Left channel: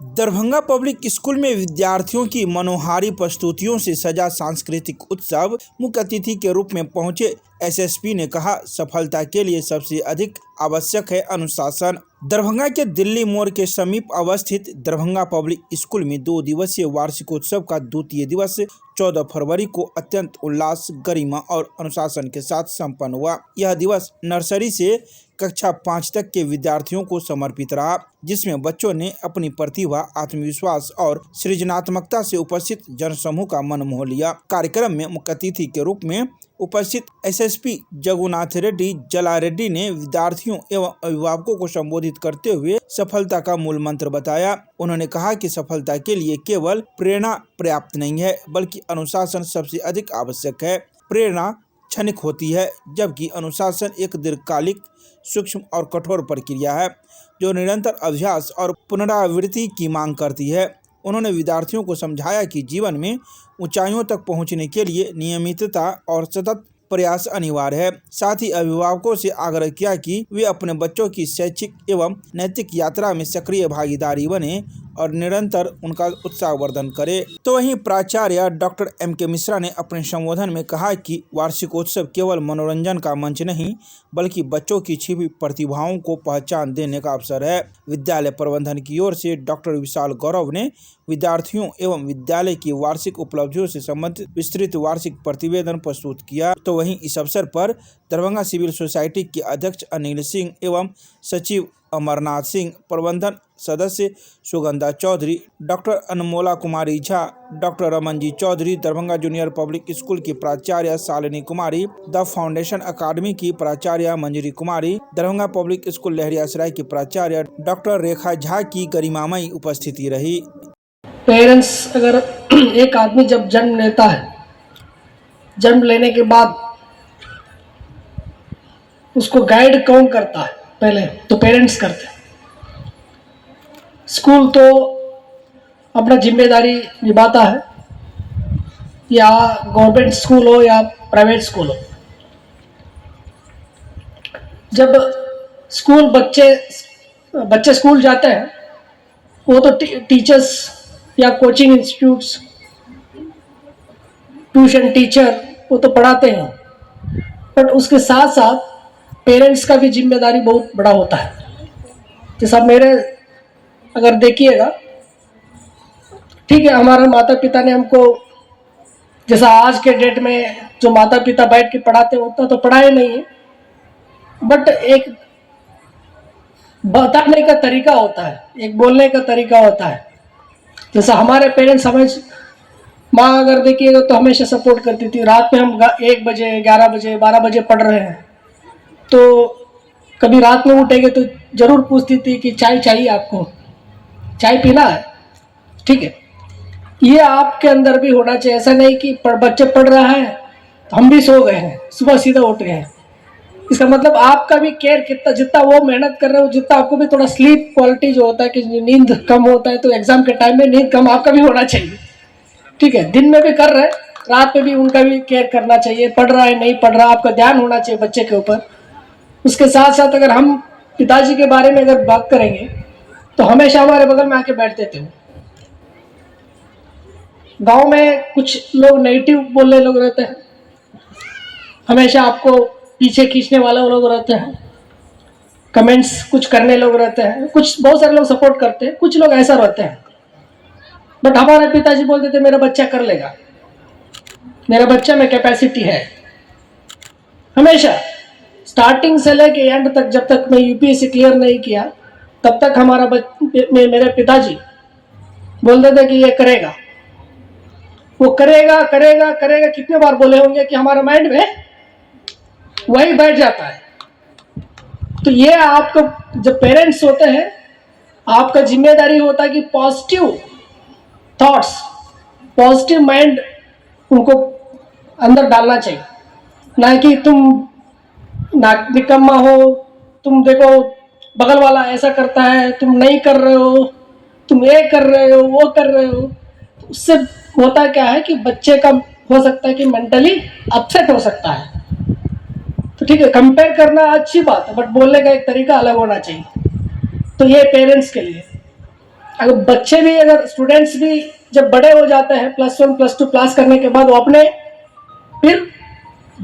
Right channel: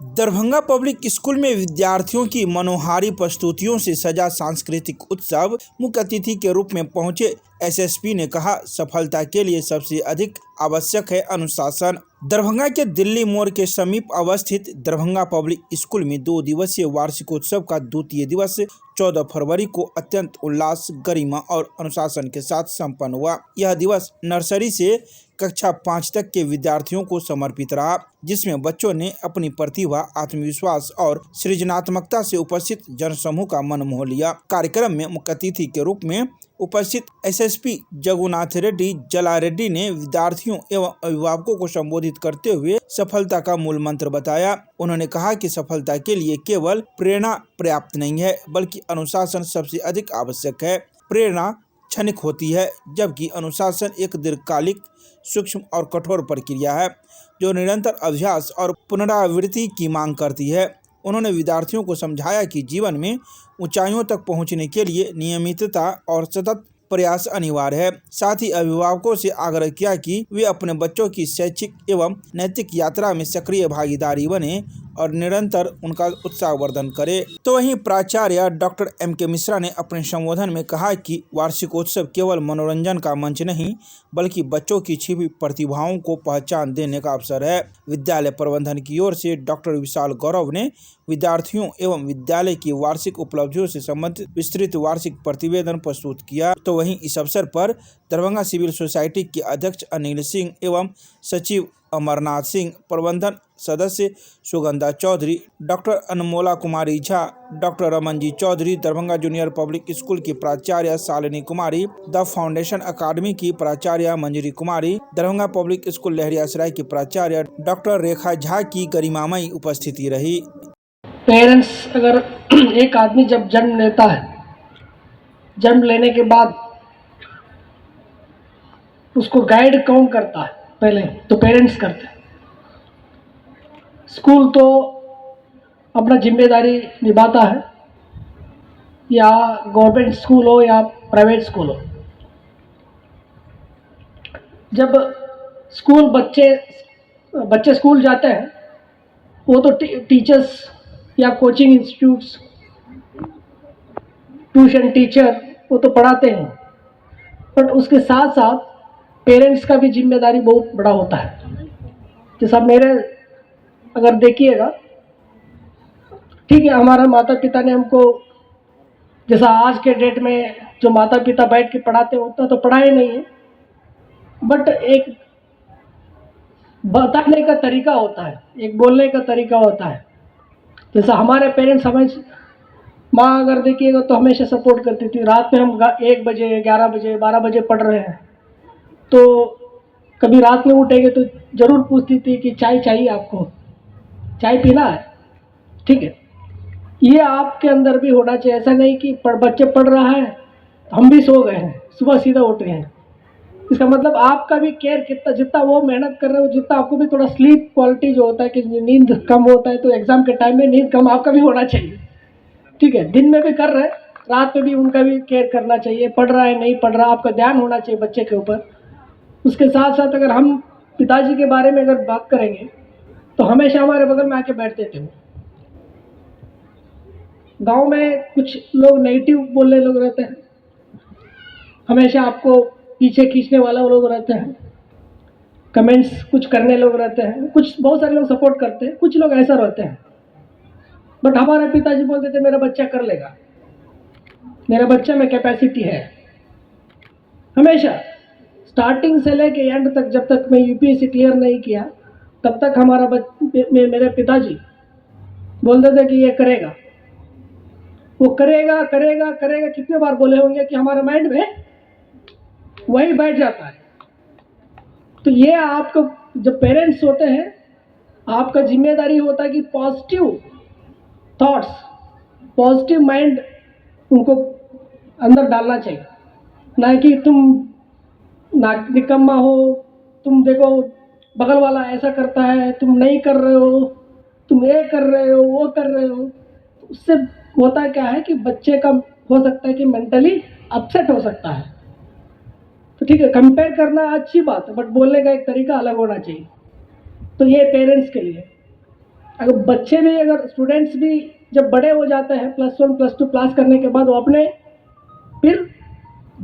Darbhanga public school में विद्यार्थियों की मनोहारी प्रस्तुतियों से सजा सांस्कृतिक उत्सव। मुख्य अतिथि के रूप में पहुंचे एसएसपी ने कहा, सफलता के लिए सबसे अधिक आवश्यक है अनुशासन। दरभंगा के दिल्ली मोड़ के समीप अवस्थित दरभंगा पब्लिक स्कूल में 2 दिवसीय वार्षिकोत्सव का द्वितीय दिवस 14 फरवरी को अत्यंत उल्लास, गरिमा और अनुशासन के साथ संपन्न हुआ। यह दिवस नर्सरी से कक्षा 5 तक के विद्यार्थियों को समर्पित रहा, जिसमें बच्चों ने अपनी प्रतिभा, आत्मविश्वास और सृजनात्मकता से उपस्थित जनसमूह का मन मोह लिया। कार्यक्रम में मुख्य अतिथि के रूप में उपस्थित एसएसपी जगुनाथ रेड्डी जलारेड्डी ने विद्यार्थियों एवं अभिभावकों को संबोधित करते हुए सफलता का मूल मंत्र बताया। उन्होंने कहा कि सफलता के लिए केवल प्रेरणा पर्याप्त नहीं है, बल्कि अनुशासन सबसे अधिक आवश्यक है। प्रेरणा क्षणिक होती है, जबकि अनुशासन एक दीर्घकालिक, सूक्ष्म और कठोर प्रक्रिया है, जो निरंतर अभ्यास और पुनरावृत्ति की मांग करती है। उन्होंने विद्यार्थियों को समझाया कि जीवन में ऊंचाइयों तक पहुंचने के लिए नियमितता और सतत प्रयास अनिवार्य है। साथ ही अभिभावकों से आग्रह किया कि वे अपने बच्चों की शैक्षिक एवं नैतिक यात्रा में सक्रिय भागीदारी बने और निरंतर उनका उत्साहवर्धन करे। तो वहीं प्राचार्य डॉक्टर M.K. मिश्रा ने अपने संबोधन में कहा कि वार्षिकोत्सव केवल मनोरंजन का मंच नहीं, बल्कि बच्चों की छिपी प्रतिभाओं को पहचान देने का अवसर है। विद्यालय प्रबंधन की ओर से डॉक्टर विशाल गौरव ने विद्यार्थियों एवं विद्यालय की वार्षिक उपलब्धियों से संबंधित विस्तृत वार्षिक प्रतिवेदन प्रस्तुत किया। तो वहीं इस अवसर पर दरभंगा सिविल सोसाइटी के अध्यक्ष अनिल सिंह एवं सचिव अमरनाथ सिंह, प्रबंधन सदस्य Sugandha Chaudhary, doctor Anmola Kumari Jha, doctor Ramanji Chaudhary, Darbhanga junior public school की प्राचार्य Shalini Kumari, the foundation academy की प्राचार्य मंजरी कुमारी, दरभंगा पब्लिक स्कूल लहरियासराय की प्राचार्य डॉक्टर रेखा झा की गरिमामयी उपस्थिति रही। पेरेंट्स, अगर एक आदमी जब जन्म लेता है, जन्म लेने के बाद उसको गाइड कौन करता है? पहले तो पेरेंट्स करते हैं। स्कूल तो अपना जिम्मेदारी निभाता है, या गवर्नमेंट स्कूल हो या प्राइवेट स्कूल हो। जब स्कूल बच्चे स्कूल जाते हैं, वो तो टीचर्स या कोचिंग इंस्टीट्यूट्स, ट्यूशन टीचर वो तो पढ़ाते हैं, बट उसके साथ साथ पेरेंट्स का भी जिम्मेदारी बहुत बड़ा होता है। जैसा मेरे अगर देखिएगा, ठीक है, हमारा माता पिता ने हमको, जैसा आज के डेट में जो माता पिता बैठ के पढ़ाते हैं उतना तो पढ़ाए नहीं है, बट एक बताने का तरीका होता है, एक बोलने का तरीका होता है। जैसा हमारे पेरेंट्स, हमें माँ अगर देखिएगा तो हमेशा सपोर्ट करती थी। रात में हम 1 बजे, 11 बजे, 12 बजे पढ़ रहे हैं, तो कभी रात में उठेंगे तो जरूर पूछती थी कि चाय चाहिए आपको, चाय पीना है, ठीक है। ये आपके अंदर भी होना चाहिए। ऐसा नहीं कि बच्चे पढ़ रहा है तो हम भी सो गए हैं, सुबह सीधा उठ गए हैं। इसका मतलब आपका भी केयर, कितना जितना वो मेहनत कर रहे हो, जितना आपको भी थोड़ा स्लीप क्वालिटी जो होता है कि नींद कम होता है, तो एग्जाम के टाइम में नींद कम आपका भी होना चाहिए, ठीक है। दिन में भी कर रहे हैं, रात में भी उनका भी केयर करना चाहिए। पढ़ रहा है नहीं पढ़ रहा, आपका ध्यान होना चाहिए बच्चे के ऊपर। उसके साथ साथ अगर हम पिताजी के बारे में अगर बात करेंगे तो हमेशा हमारे बगल में आके बैठते थे। गांव में कुछ लोग नेगेटिव बोलने लोग रहते हैं, हमेशा आपको पीछे खींचने वाले लोग रहते हैं, कमेंट्स कुछ करने लोग रहते हैं, कुछ बहुत सारे लोग सपोर्ट करते हैं, कुछ लोग ऐसा रहते हैं। बट हमारे पिताजी बोलते थे मेरा बच्चा कर लेगा, मेरा बच्चा में कैपेसिटी है। हमेशा स्टार्टिंग से लेके एंड तक, जब तक मैं यूपीएससी क्लियर नहीं किया तब तक मेरे पिताजी बोलते थे कि ये करेगा, वो करेगा करेगा करेगा। कितने बार बोले होंगे कि हमारे माइंड में वही बैठ जाता है। तो ये आपको, जब पेरेंट्स होते हैं, आपका जिम्मेदारी होता है कि पॉजिटिव थॉट्स, पॉजिटिव माइंड उनको अंदर डालना चाहिए। ना कि तुम निकम्मा हो, तुम देखो बगल वाला ऐसा करता है, तुम नहीं कर रहे हो, तुम ये कर रहे हो, वो कर रहे हो। उससे होता क्या है कि बच्चे का हो सकता है कि मेंटली अपसेट हो सकता है। तो ठीक है, कंपेयर करना अच्छी बात है, बट बोलने का एक तरीका अलग होना चाहिए। तो ये पेरेंट्स के लिए। अगर बच्चे भी, अगर स्टूडेंट्स भी जब बड़े हो जाते हैं, +1 +2 पास करने के बाद, वो अपने फिर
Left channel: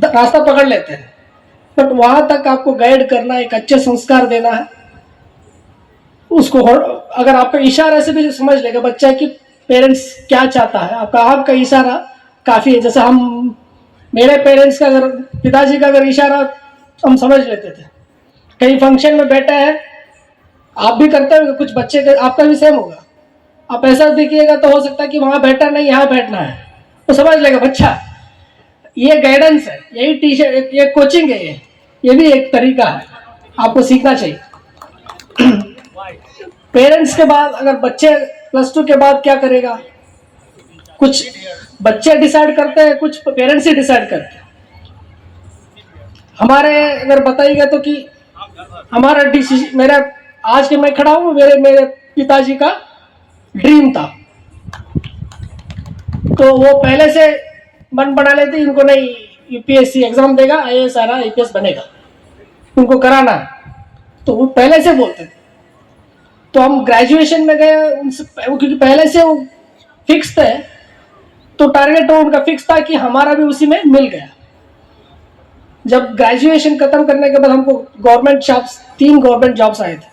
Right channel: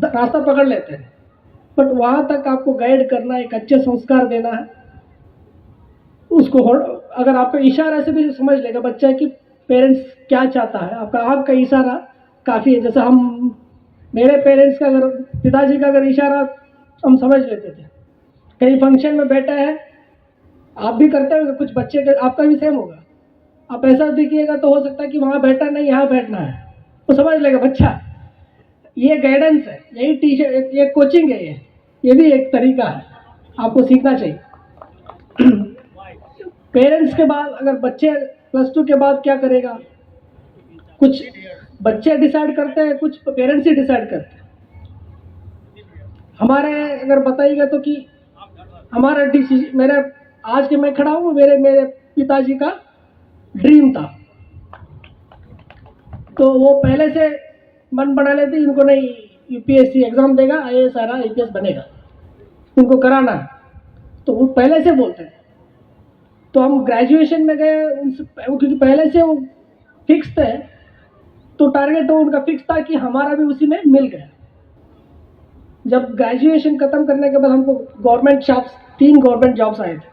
रास्ता पकड़ लेते हैं। बट वहां तक आपको गाइड करना, एक अच्छे संस्कार देना है उसको। अगर आपका इशारे से भी समझ लेगा बच्चा कि पेरेंट्स क्या चाहता है, आपका इशारा काफी है। जैसे मेरे पेरेंट्स का, अगर पिताजी का अगर इशारा हम समझ लेते थे, कहीं फंक्शन में बैठा है, आप भी करते होंगे, कुछ बच्चे का आपका भी सेम होगा, आप ऐसा देखिएगा तो हो सकता है कि वहां बैठा नहीं, यहाँ बैठना है, तो समझ लेगा बच्चा। ये गाइडेंस है, यही टीचर, ये कोचिंग है, ये भी एक तरीका है, आपको सीखना चाहिए। पेरेंट्स के बाद अगर बच्चे +2 के बाद क्या करेगा, कुछ बच्चे डिसाइड करते हैं, कुछ पेरेंट्स ही डिसाइड करते हैं। हमारे अगर बताइएगा तो कि हमारा डिसीजन, मेरा आज के मैं खड़ा हूँ, मेरे पिताजी का ड्रीम था, तो वो पहले से मन बना लेते, इनको नहीं यूपीएससी एग्जाम देगा, आईएएस आ रहा, आईपीएस बनेगा, उनको कराना है, तो वो पहले से बोलते थे। तो हम ग्रेजुएशन में गए उनसे, क्योंकि पहले से वो फिक्स थे, तो टारगेट उनका फिक्स था कि हमारा भी उसी में मिल गया। जब ग्रेजुएशन खत्म करने के बाद हमको गवर्नमेंट जॉब्स, 3 गवर्नमेंट जॉब्स आए थे,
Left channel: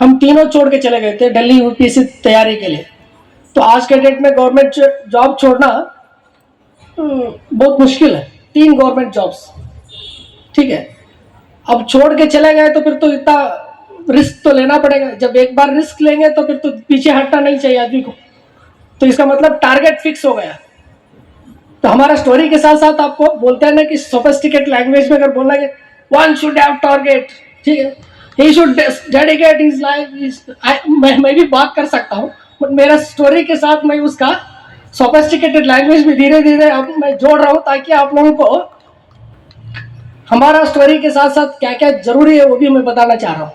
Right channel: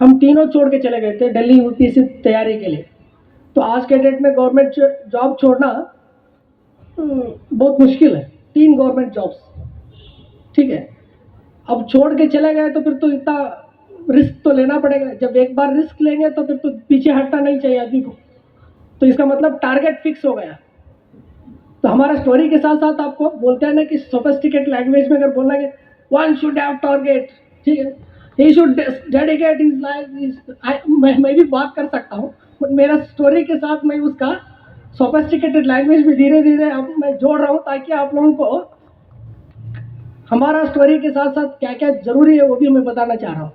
हम तीनों छोड़ के चले गए थे दिल्ली यूपीएससी तैयारी के लिए। तो आज के डेट में गवर्नमेंट जॉब छोड़ना बहुत मुश्किल है, 3 गवर्नमेंट जॉब्स, ठीक है। अब छोड़ के चले गए तो फिर तो इतना रिस्क तो लेना पड़ेगा। जब एक बार रिस्क लेंगे तो फिर तो पीछे हटना नहीं चाहिए आदमी को। तो इसका मतलब टारगेट फिक्स हो गया। तो हमारा स्टोरी के साथ साथ आपको बोलते हैं ना कि सोफिस्टिकेट लैंग्वेज में अगर बोलना कि वन शुड हैव टारगेट, ठीक है, he should dedicate his life, मैं भी बात कर सकता हूँ, बट मेरा स्टोरी के साथ मैं उसका सोफिस्टिकेटेड लैंग्वेज में धीरे धीरे मैं जोड़ रहा हूँ, ताकि आप लोगों को हमारा स्टोरी के साथ साथ क्या क्या जरूरी है वो भी मैं बताना चाह रहा हूँ।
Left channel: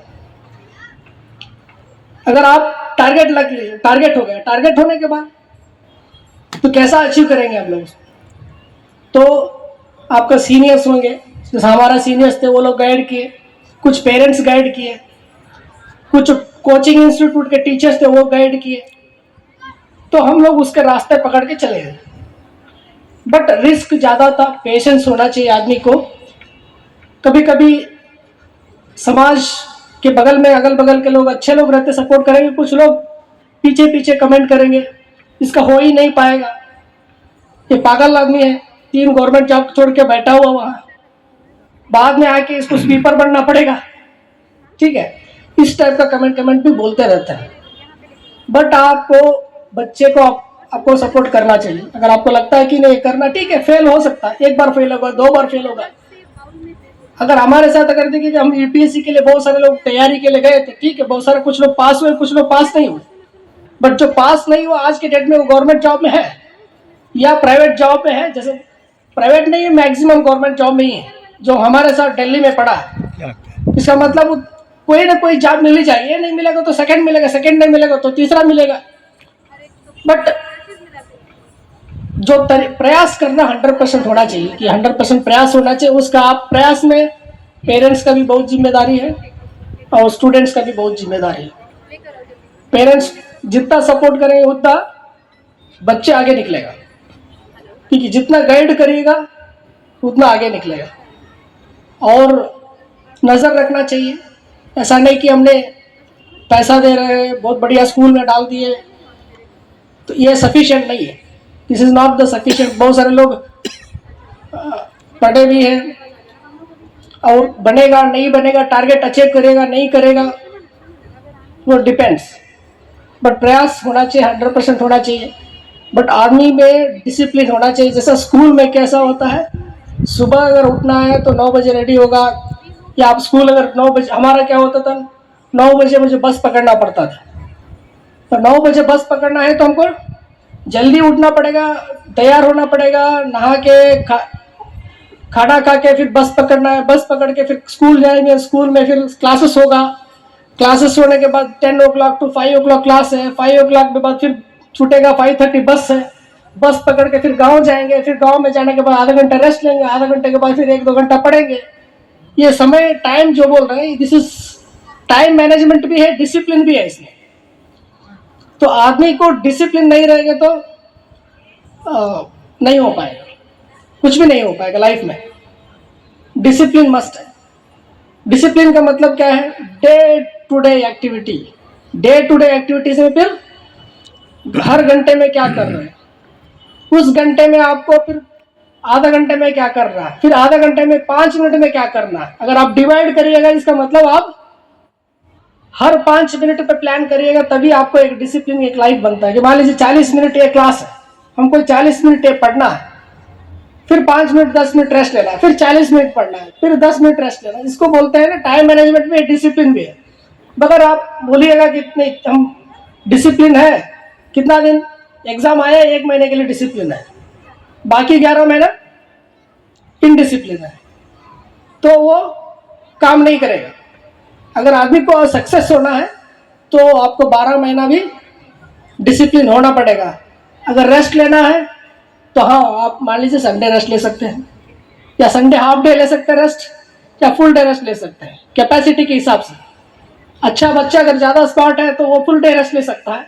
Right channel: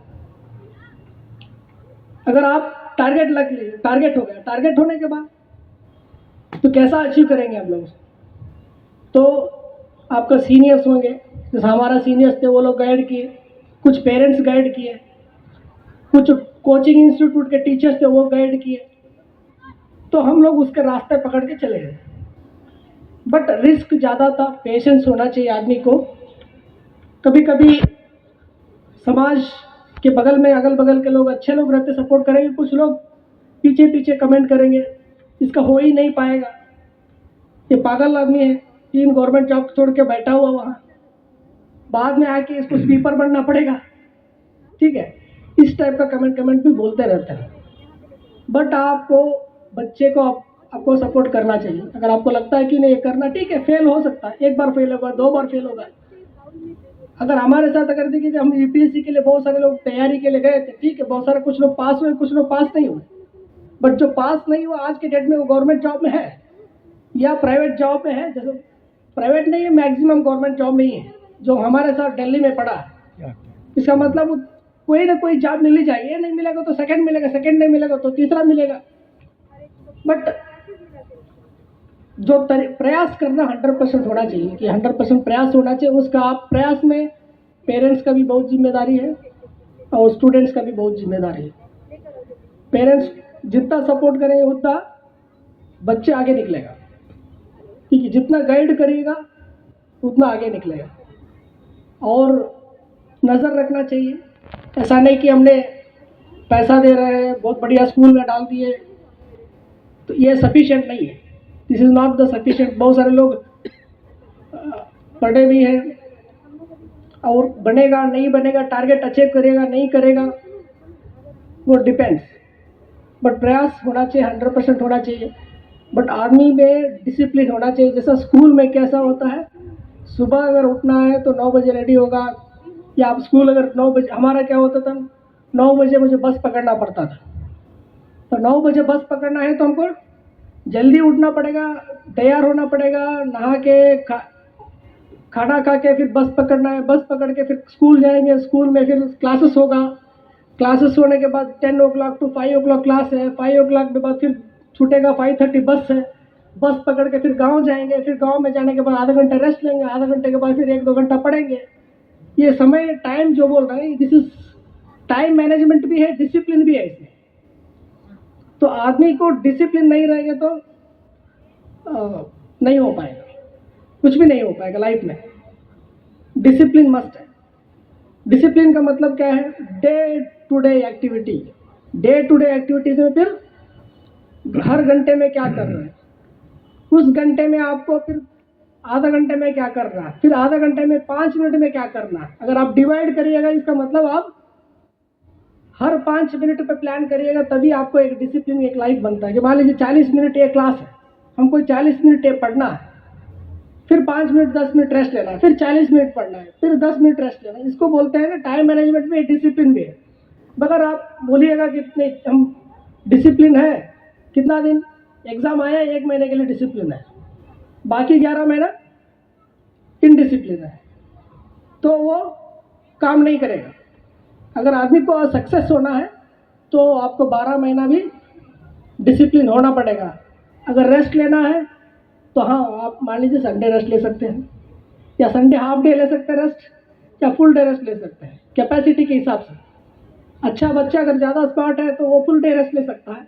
अगर आप टारगेट हो गया, टारगेट होने के बाद तो कैसा अचीव करेंगे आप लोग, तो आपका सीनियर्स होंगे, जैसे हमारा सीनियर्स थे, वो लोग गाइड किए, कुछ पेरेंट्स गाइड किए, कुछ कोचिंग इंस्टीट्यूट के टीचर्स थे वो गाइड किए, तो हम लोग उसके रास्ते पकड़ के चले गए। बट रिस्क ज्यादा था, पेशेंस होना चाहिए आदमी को। कभी कभी समाज के बगल में, अगल बगल के लोग, अच्छे लोग रहते, सपोर्ट करेंगे, कुछ लोग पीछे पीछे कमेंट करेंगे, इसका हो ही नहीं पाएगा, ये पागल आदमी है, 3 गवर्नमेंट जॉब छोड़ के बैठा हुआ वहां, बाद में आके इसको स्पीकर बनना पड़ेगा, ठीक है, इस टाइप का कमेंट भी बोलते रहते हैं। बट आपको, बच्चे को आपको सपोर्ट करना चाहिए। अगर आपको लगता है कि नहीं करना, ठीक है, फेल हो सकता है, 1 बार फेल होगा, 2 बार फेल होगा। अगर हमारे साथ अगर देखिए कि हम यूपीएससी के लिए बहुत सारे लोग तैयारी के लिए गए थे, ठीक है, बहुत सारे, कुछ लोग पास हुए, कुछ लोग पास नहीं हुए, बट जो पास नहीं हुआ आज के डेट में वो गवर्नमेंट जॉब में है या प्राइवेट जॉब में है। जैसे प्राइवेट नहीं है, मैक्सिमम गवर्नमेंट जॉब में ही है, जो हमारे साथ दिल्ली में पढ़ा है। इसका मतलब कोई ना कोई जॉब मिल ही जाएगी, नहीं मिलेगा तो सेकंड मिलेगा, सेकंड नहीं मिलेगा तो तीसरा मिलेगा। बट जो प्रयास करना 100% होना चाहिए, कि 100% प्रयास होना चाहिए उसका। आप प्रयास में पेरेंट्स का भी बहुत जिम्मेदारी है और स्टूडेंट्स का भी बहुत जिम्मेदारी है। पेरेंट्स जितना सपोर्ट करेंगे उतना बच्चे आगे निकलेगा, क्योंकि जितना गाइड करिएगा उतना आगे निकलेगा। और नज़र रखना चाहिए, ऐसा नहीं कि हमने पैसा दे रहे हैं, बहुत बढ़िया स्कूल में डाल दिए, तो ये सफिशिएंट नहीं है, this is not the sufficient. बहुत सारे लोग पढ़े भी हैं और बनेगा नहीं बनेगा, टारगेट अचीव करेगा नहीं करेगा, वो डिपेंड्स। बट प्रयास होना चाहिए, 100% होना चाहिए। बट आर्मी में डिसिप्लिन होना चाहिए। जैसा स्कूल में कैसा होता है, सुबह अगर उठना है तो 9 बजे रेडी होगा, या आप स्कूल अगर 9 बजे, हमारा क्या होता था, 9 बजे मुझे बस पकड़ना पड़ता था, तो 9 बजे बस पकड़ना है तो हमको जल्दी उठना पड़ेगा, तैयार होना पड़ेगा, नहा के खाना खा के फिर बस पकड़ना है, बस पकड़ के फिर स्कूल जाएंगे, स्कूल में फिर क्लासेस होगा, क्लासेस होने के बाद 10 o'clock to 5 o'clock क्लास है, 5 o'clock के बाद फिर छूटेगा, 5:30 बस है, बस पकड़ के फिर गांव जाएंगे, फिर गांव में जाने के बाद आधा घंटा रेस्ट लेंगे, आधा घंटे के बाद फिर 1-2 घंटा पढ़ेंगे। ये समय टाइम जो बोल रहे हैं, दिस इज टाइम मैनेजमेंट भी है, डिसिप्लिन भी है इसमें। तो आदमी को डिसिप्लिन नहीं रहेगा तो नहीं हो पाएगा, कुछ भी नहीं हो पाएगा लाइफ में। डिसिप्लिन मस्ट है। डिसिप्लिन का मतलब क्या है? Day to day activity. Day to day activities में फिर हर घंटे में क्या कर रहे हैं, उस घंटे में आपको फिर आधा घंटे में क्या कर रहा है, फिर आधा घंटे में 5 मिनट में क्या करना है। अगर आप डिवाइड करिएगा, इसका मतलब आप हर 5 मिनट पे प्लान करिएगा, तभी आपको एक डिसिप्लिन, एक लाइफ बनता है। कि मान लीजिए 40 मिनट एक क्लास है, हमको 40 मिनट पढ़ना है, फिर 5 मिनट 10 मिनट रेस्ट लेना है, फिर 40 मिनट पढ़ना है, फिर 10 मिनट रेस्ट लेना है। इसको बोलते हैं ना टाइम मैनेजमेंट में डिसिप्लिन भी है। मगर आप बोलिएगा कि इतने हम डिसिप्लिन है, कितना दिन एग्जाम आया 1 महीने के लिए डिसिप्लिन है, बाकी 11 महीना इनडिसिप्लिन है, तो वो काम नहीं करेगा। अगर आदमी को सक्सेस होना है तो आपको 12 महीना भी डिसिप्लिन होना पड़ेगा। अगर रेस्ट लेना है तो हाँ, आप मान लीजिए संडे रेस्ट ले सकते हैं, या संडे हाफ डे ले सकते हैं रेस्ट, या फुल डे रेस्ट ले सकते हैं कैपेसिटी के हिसाब से। अच्छा बच्चा अगर ज़्यादा स्मार्ट है तो वो फुल डे रेस्ट ले सकता है।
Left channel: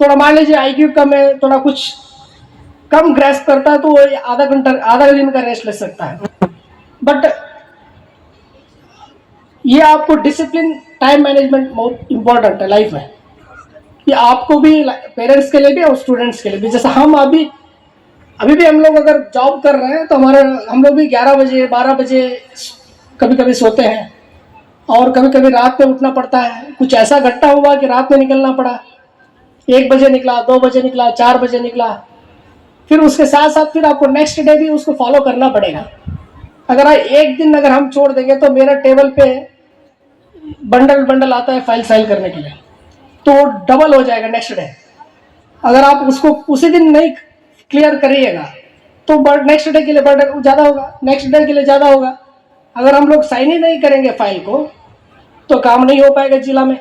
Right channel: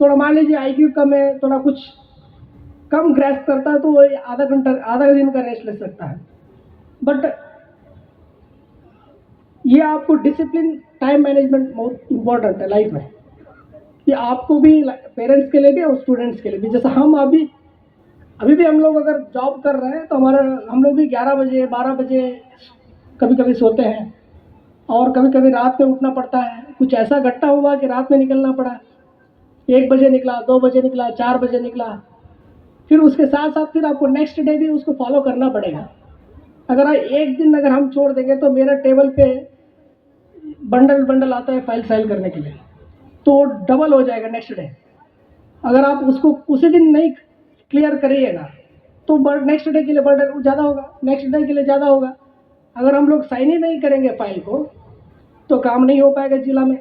थोड़ा मान लीजिए IQ कम है, थोड़ा कुछ कम ग्रैस्प करता है, तो वो आधा दिन का रेस्ट ले सकता है। बट ये आपको डिसिप्लिन, टाइम मैनेजमेंट बहुत इंपॉर्टेंट है लाइफ में। ये आपको भी, पेरेंट्स के लिए भी और स्टूडेंट्स के लिए भी। जैसे हम अभी भी हम लोग अगर जॉब कर रहे हैं तो हम लोग भी 11 बजे 12 बजे कभी कभी सोते हैं, और कभी कभी रात में उठना पड़ता है। कुछ ऐसा घटना हुआ कि रात में निकलना पड़ा, 1 बजे निकला, 2 बजे निकला, 4 बजे निकला, फिर उसके साथ साथ फिर आपको नेक्स्ट डे भी उसको फॉलो करना पड़ेगा। अगर एक दिन अगर हम छोड़ देंगे तो मेरा टेबल पे बंडल आता है फाइल करने के लिए, तो डबल हो जाएगा नेक्स्ट डे। अगर आप उसको उसी दिन नहीं क्लियर करिएगा तो नेक्स्ट डे के लिए बर्डन ज़्यादा होगा, नेक्स्ट डे के लिए ज़्यादा होगा। अगर हम लोग साइन ही नहीं करेंगे फाइल को तो काम नहीं हो पाएगा जिला में,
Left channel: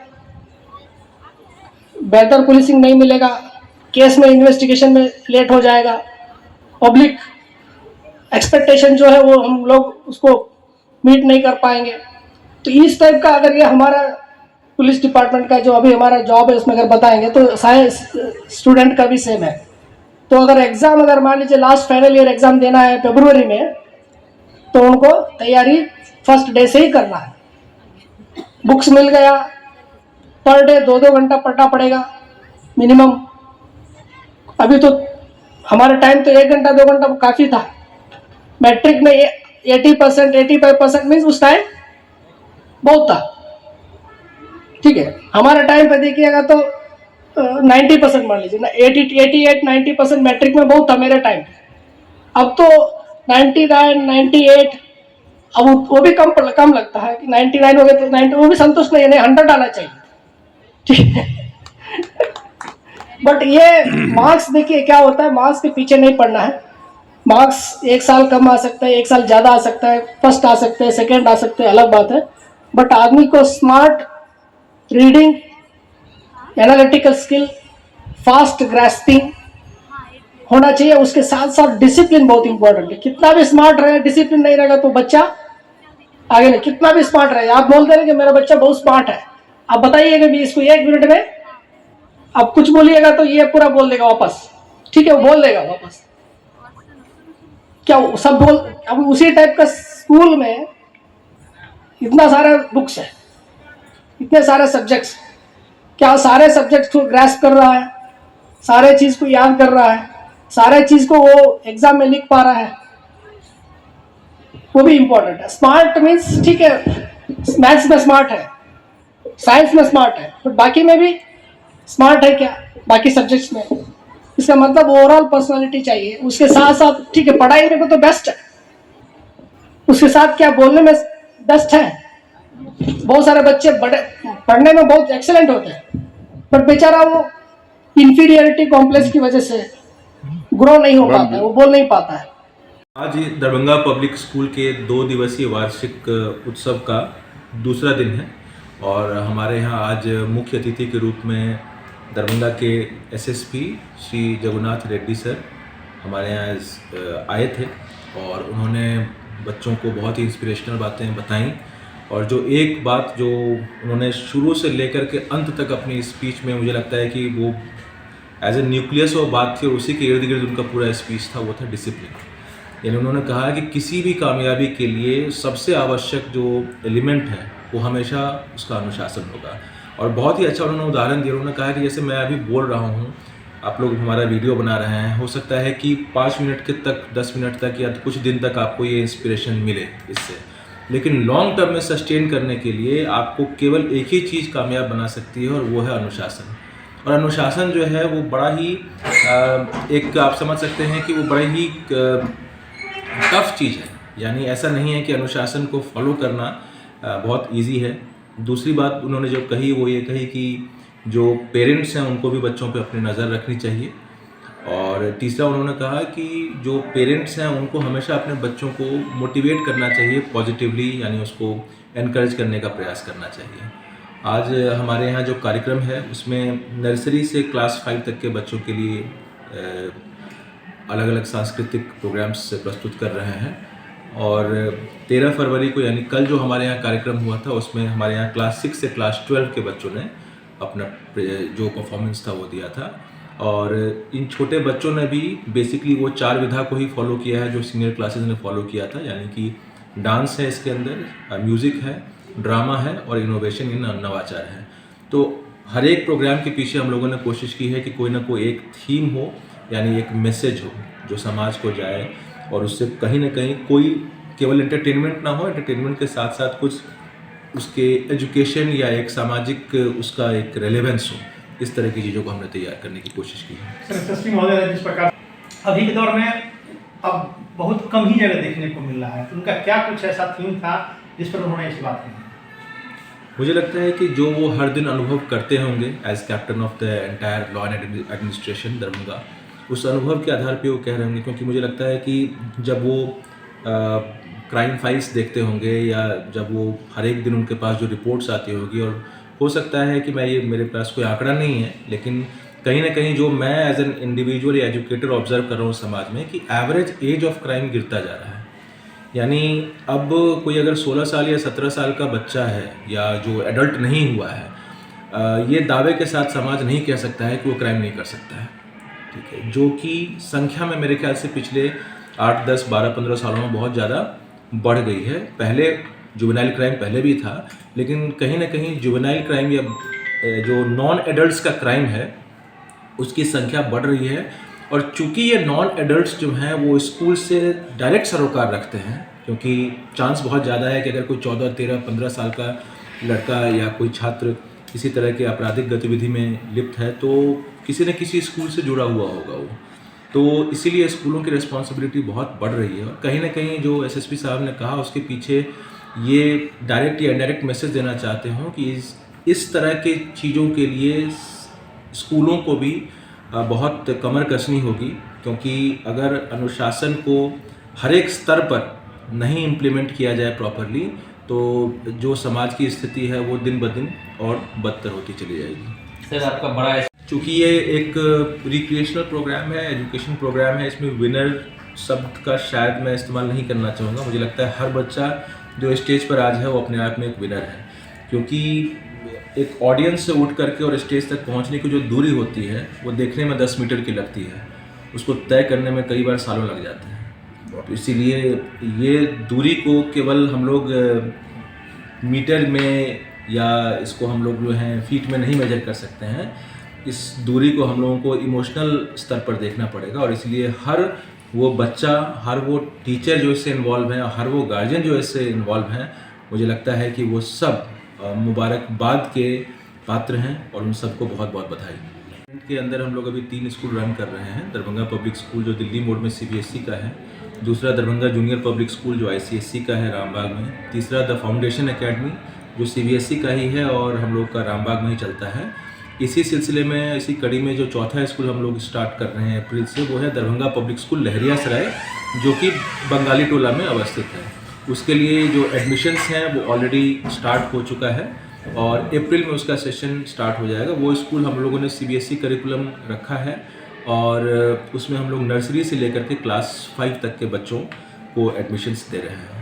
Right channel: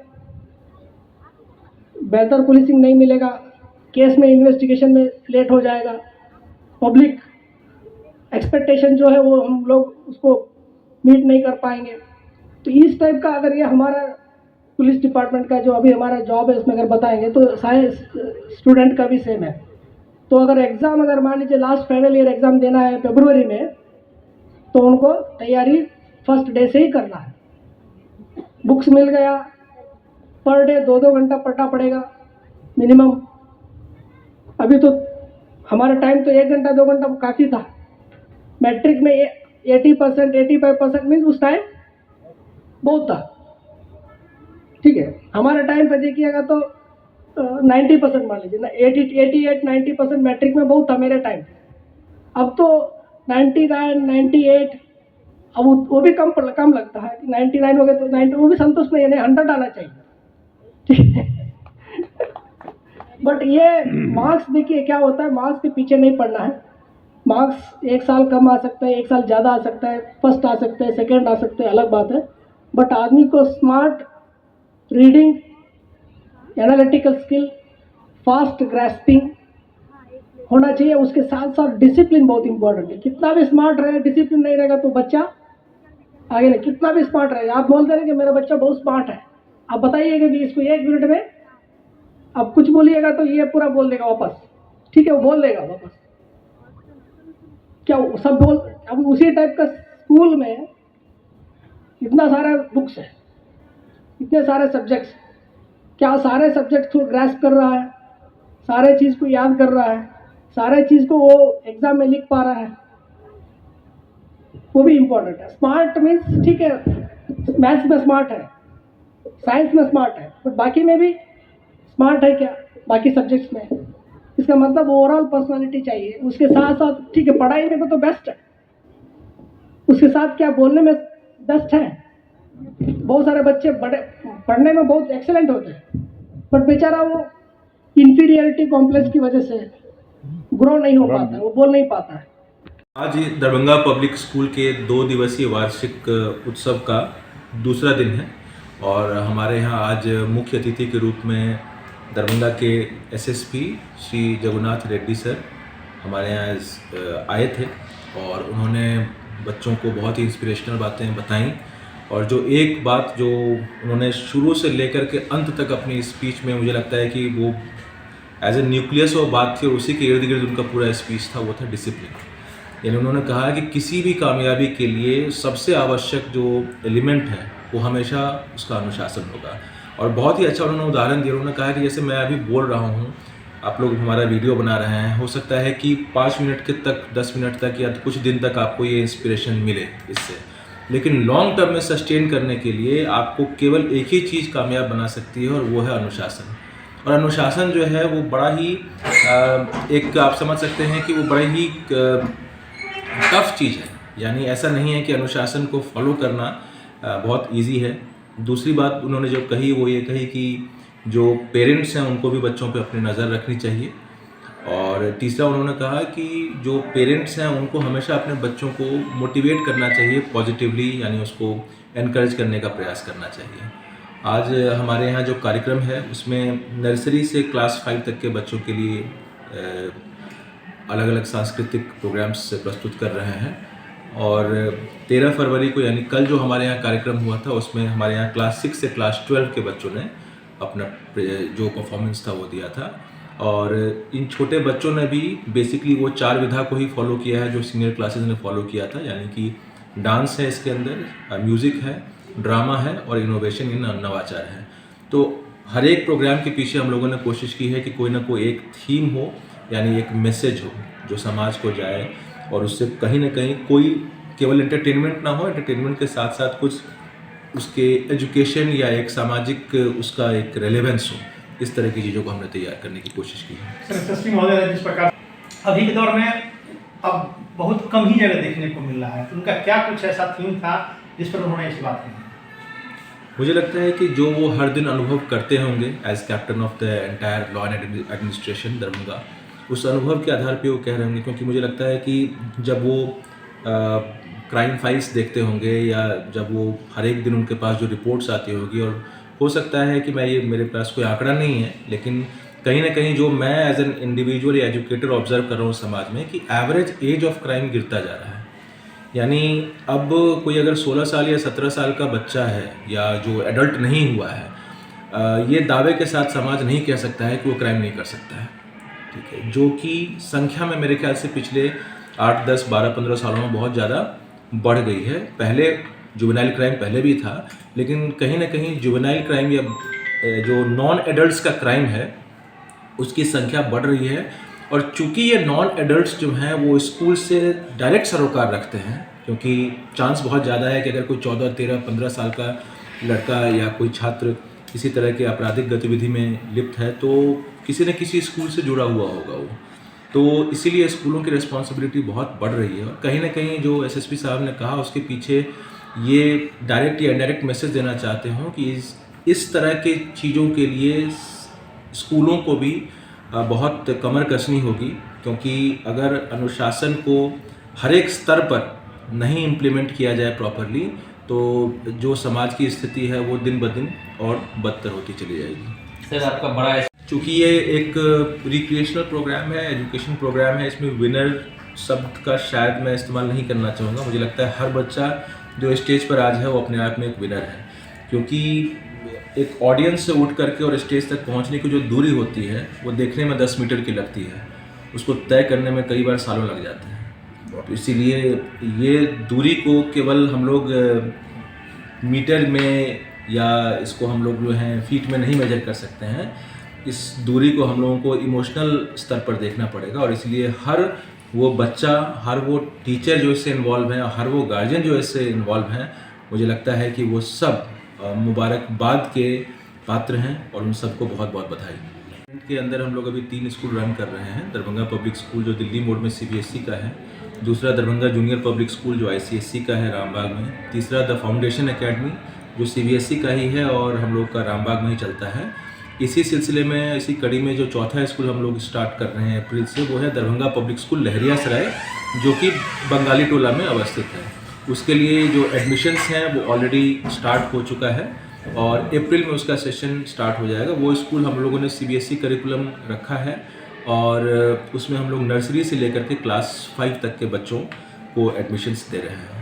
बेहतर पुलिसिंग नहीं मिलेगा, केस में इन्वेस्टिगेशन में लेट हो जाएगा, पब्लिक एक्सपेक्टेशन जो है वो हम लोग उसको मीट नहीं कर पाएंगे। तो इस टाइप का अगर ये हमारा पुलिस डिपार्टमेंट का जो अभी हमारा जॉब है उसमें अगर बताएंगे तो साइंस स्टूडेंट का भी सेम है। तो अगर एग्ज़ाम, अगर मान लीजिए लास्ट फाइनल ईयर एग्ज़ाम देना है फरवरी में, तो उनको तैयारी फर्स्ट डे से ही करना है। बुक्स मिल गया, पर डे 2-2 घंटा पढ़ना पड़ेगा मिनिमम। अभी तो हमारे टाइम तो 1 घंटा 2 घंटा काफ़ी था। मैट्रिक में 80% 85% मीन्स उस टाइम बहुत था, ठीक है। हमारे टाइम पे देखिएगा तो 90% मान लीजिए ना, 88-90% मैट्रिक में बहुत था मेरे टाइम। अब तो 99 98, अब वो भी कम लगता है कि 99 हो गए तो 90, वो भी संतुष्ट नहीं है, 100 आना चाहिए, ठीक है। बट ये मार्क्स देखिए क्या होता है, मार्क्स के पीछे नहीं पड़ना है। मार्क्स 1 साल कम आ सकता है, 1 साल ज़्यादा आ सकता है, फर्स्ट आ सकते हैं, सेकेंड आ सकते हैं, अलग बात है। बट आदमी को smart reading, analytical skill, fast grasping होना चाहिए। उसके साथ साथ डिसिप्लिन बहुत इंपॉर्टेंट है। कितना भी स्मार्ट रहे, डिसिप्लिन नहीं रहेगा तो बच्चा आगे नहीं। कितना भी स्मार्ट रहे, आप बोलते रहे कि मेरा बच्चा बहुत स्मार्ट है, आप बताइएगा भी इसको 1 मिनट में आप कुछ बोलिएगा तो ये पूरा बोल देगा वापस, ठीक है, वो बोल देगा वापस। क्या सब बोल, अब उसी टाइप का स्कूल में इतना सारे बुक्स है, इतने सारे सब्जेक्ट्स, क्या सारे सब्जेक्ट्स को ग्रास्प कर रहा है, सारे चीज को याद कर रहा है, सारे चीज को वो एग्जाम में लिख पा रहा है, वो भी इंपॉर्टेंट है। स्मार्ट मीन्स ठीक है, मैथ्स में स्मार्ट है, साइंस में स्मार्ट है, बट बाकी में भी स्मार्ट है क्या, बाकी सब्जेक्ट्स में। इसका मतलब ओवरऑल पर्सनालिटी चाहिए। उसके साथ साथ ठीक है, पढ़ाई में तो बेस्ट है, उसके साथ क्या बोलने में बेस्ट है। बहुत सारे बच्चे बड़े पढ़ने में बहुत एक्सेलेंट होते हैं, बट बेचारा वो इंफीरियरिटी कॉम्प्लेक्स की वजह से ग्रो नहीं हो पाता है, वो बोल नहीं पाता है। आज दरभंगा पब्लिक स्कूल के 2 दिवसीय वार्षिक उत्सव का दूसरा दिन है, और हमारे यहाँ आज मुख्य अतिथि के रूप में दरभंगा के एसएसपी श्री जगन्नाथ रेड्डी सर हमारे यहाँ आए थे, और उन्होंने बच्चों को बहुत ही इंस्पिरेशनल बातें बताईं। और जो एक बात जो उन्होंने शुरू से लेकर के अंत तक अपनी स्पीच में, मुझे लगता है कि वो एज ए न्यूक्लियस वो बात थी और उसी के इर्द गिर्द उनका पूरा स्पीच था, वो था डिसिप्लिन। यानी उन्होंने कहा कि किसी भी कामयाबी के लिए सबसे आवश्यक जो एलिमेंट है वो हमेशा उसका अनुशासन होगा। और बहुत ही अच्छा उन्होंने उदाहरण दिया। उन्होंने कहा कि जैसे मैं अभी बोल रहा हूँ, आप लोग हमारा वीडियो बना रहे हैं, हो सकता है कि 5 मिनट के तक, 10 मिनट तक या कुछ दिन तक आपको ये इंस्पिरेशन मिले इससे, लेकिन लॉन्ग टर्म में सस्टेन करने के लिए आपको केवल एक ही चीज़ कामयाब बना सकती है और वो है अनुशासन। और अनुशासन जो है वो बड़ा ही एक आप समझ सकते हैं कि वो बड़ा ही टफ चीज़ है। यानी ऐसा नहीं है कि अनुशासन को फॉलो करना बहुत इजी है। दूसरी बात उन्होंने जो कही वो ये कही कि जो पेरेंट्स हैं उनको भी बच्चों पे अपनी नज़र रखनी चाहिए। और तीसरा उन्होंने कहा कि जो पेरेंट्स हैं उनको हमेशा अपने बच्चों को मोटिवेट करना चाहिए पॉजिटिवली, यानी उसको एनकरेज करने का प्रयास करना चाहिए। आज हमारे यहाँ जो कार्यक्रम है उसमें नर्सरी से क्लास 5 तक के बच्चों के लिए अलग अलग सांस्कृतिक प्रोग्राम्स प्रस्तुत कर रहे हैं। और 13 फरवरी को यानी कल जो हमारे यहाँ कार्यक्रम हुआ था उसमें हमारे यहाँ क्लास 6 से क्लास 12 के बच्चों ने अपना जो परफॉर्मेंस था वो दिया था। और इन छोटे बच्चों ने भी बेसिकली वो 4 विधा को ही फॉलो किया है जो सीनियर क्लासेस ने फॉलो किया था। यानी कि डांस है, इसके अंदर म्यूज़िक है, ड्रामा है और इनोवेशन इन नवाचार है। तो हर एक प्रोग्राम के पीछे हम लोगों ने कोशिश की है कि कोई ना कोई एक थीम हो, यानी एक मैसेज हो जो समाज को जाए और उससे कहीं ना कहीं कोई केवल एंटरटेनमेंट ना हो, एंटरटेनमेंट के साथ साथ कुछ उसके एजुकेशन या एक सामाजिक उसका एक रेलेवेंस हो। इस तरह की चीज़ों को हमने तैयार करने की कोशिश की है। सर, यशस्वी महोदय जिस प्रकार अभी के दौर में अब बहुत कम ही जगह देखने को मिल रहा है, उनका क्या कुछ ऐसा थीम था जिस पर उन्होंने इस बात कही? मुझे लगता है कि जो वो हर दिन अनुभव करते होंगे as captain of the entire law and administration Darbhanga, उस अनुभव के आधार पे वो कह रहे होंगे। क्योंकि मुझे लगता है कि जब वो क्राइम फाइल्स देखते होंगे या जब वो हर एक दिन उनके पास जो रिपोर्ट्स आती होगी, और हो सकता है कि मेरे पास कोई आंकड़ा नहीं है, लेकिन कहीं ना कहीं जो मैं एज एन इंडिविजुअल या एजुकेटर ऑब्जर्व कर रहा हूँ समाज में कि एवरेज एज ऑफ क्राइम गिरता जा रहा है। यानी अब कोई अगर 16 साल या 17 साल का बच्चा है या जो एडल्ट नहीं हुआ है, ये दावे के साथ समाज नहीं कह सकता है कि वो क्राइम नहीं कर सकता है, ठीक है, जो कि संख्या में मेरे ख्याल से पिछले 8, 10, 12, 15 सालों में बहुत ज़्यादा बढ़ गई है। पहले जुवेनाइल क्राइम पहले भी था, लेकिन कहीं ना कहीं जुवेनाइल क्राइम या जो नॉन एडल्ट्स का क्राइम है उसकी संख्या बढ़ रही है। और चूंकि ये नॉन एडल्ट्स जो हैं वो स्कूल से डायरेक्ट सरोकार रखते हैं, क्योंकि चांस बहुत ज़्यादा है कि अगर कोई 14, 13, 15 साल का लड़का या कोई छात्र किसी तरह के आपराधिक गतिविधि में लिप्त है तो किसी न किसी स्कूल से जुड़ा हुआ होगा वो। तो इसीलिए स्कूलों की रिस्पॉन्सिबिलिटी बहुत बढ़ रही है। और कहीं ना कहीं जो एसएसपी साहब ने कहा उसके पीछे ये डायरेक्ट या इनडायरेक्ट मैसेज देना चाहते हों कि इस तरह के चीज़ों के लिए स्कूलों को भी बहुत कमर कसनी होगी, क्योंकि अगर अनुशासन को हर एक स्तर पर नहीं इम्प्लीमेंट किया जाए प्रॉपरली तो जो समाज की स्थिति है वो दिन ब दिन और बदतर होती चली जाएगी। सर, आपका बड़ा चूँकि ये एक रिक्रिएशनल प्रोग्राम है, एजुकेशन प्रोग्राम है, इसमें विनर शब्द का शायद मैं इस्तेमाल नहीं करना चाहूँगा। मुझे लगता है हर बच्चा जो स्टेज पर आज है वो अपने आप में एक विनर है, क्योंकि एक ऑडियंस से उठ करके और स्टेज तक पहुंचने की जो दूरी होती है वो देखने में 10 मीटर की लगती है, उसको तय करने में कई बार सालों लग जाते हैं। तो इसीलिए ये दूरी को केवल हम लोग मीटर में या इसको हम लोग जो हैं फीट में नहीं मेजर कर सकते हैं। इस दूरी को हम लोगों को इमोशनल स्तर पर देखना पड़ेगा। और इसलिए हर वो बच्चा, हर वो टीचर जो इससे इन्वॉल्व हैं, हर वो गार्जियन जो इससे इन्वॉल्व हैं, मुझे लगता है कि वो सब मुबारकबाद के पात्र हैं और उन सबको बहुत बहुत बधाई। के अंदर हम लोग अभी 3 स्कूल रन कर रहे हैं। दरभंगा पब्लिक स्कूल जो दिल्ली मोड में CBSE का है, दूसरा दरभंगा जूनियर पब्लिक स्कूल जो ICSE का है रामबाग में, तीसरा द फाउंडेशन एकेडमी जो CBSE का ही है और हम लोग का रामबाग में ही चलता है। इसी सिलसिले में, इसी कड़ी में जो चौथा स्कूल हम लोग स्टार्ट कर रहे हैं अप्रैल से, वो है दरभंगा पब्लिक स्कूल लहरियासराय जो कि बंगाली टोला में अवस्थित है। उसके लिए जो एडमिशन्स हैं वो ऑलरेडी स्टार्ट हो चुका है और अप्रैल में उसका सेशन स्टार्ट हो जाएगा। वो स्कूल हम लोगों ने CBSE करिकुलम रखा है और उसमें हम लोग नर्सरी से लेकर के क्लास 5 तक के बच्चों को एडमिशन्स दे रहे हैं।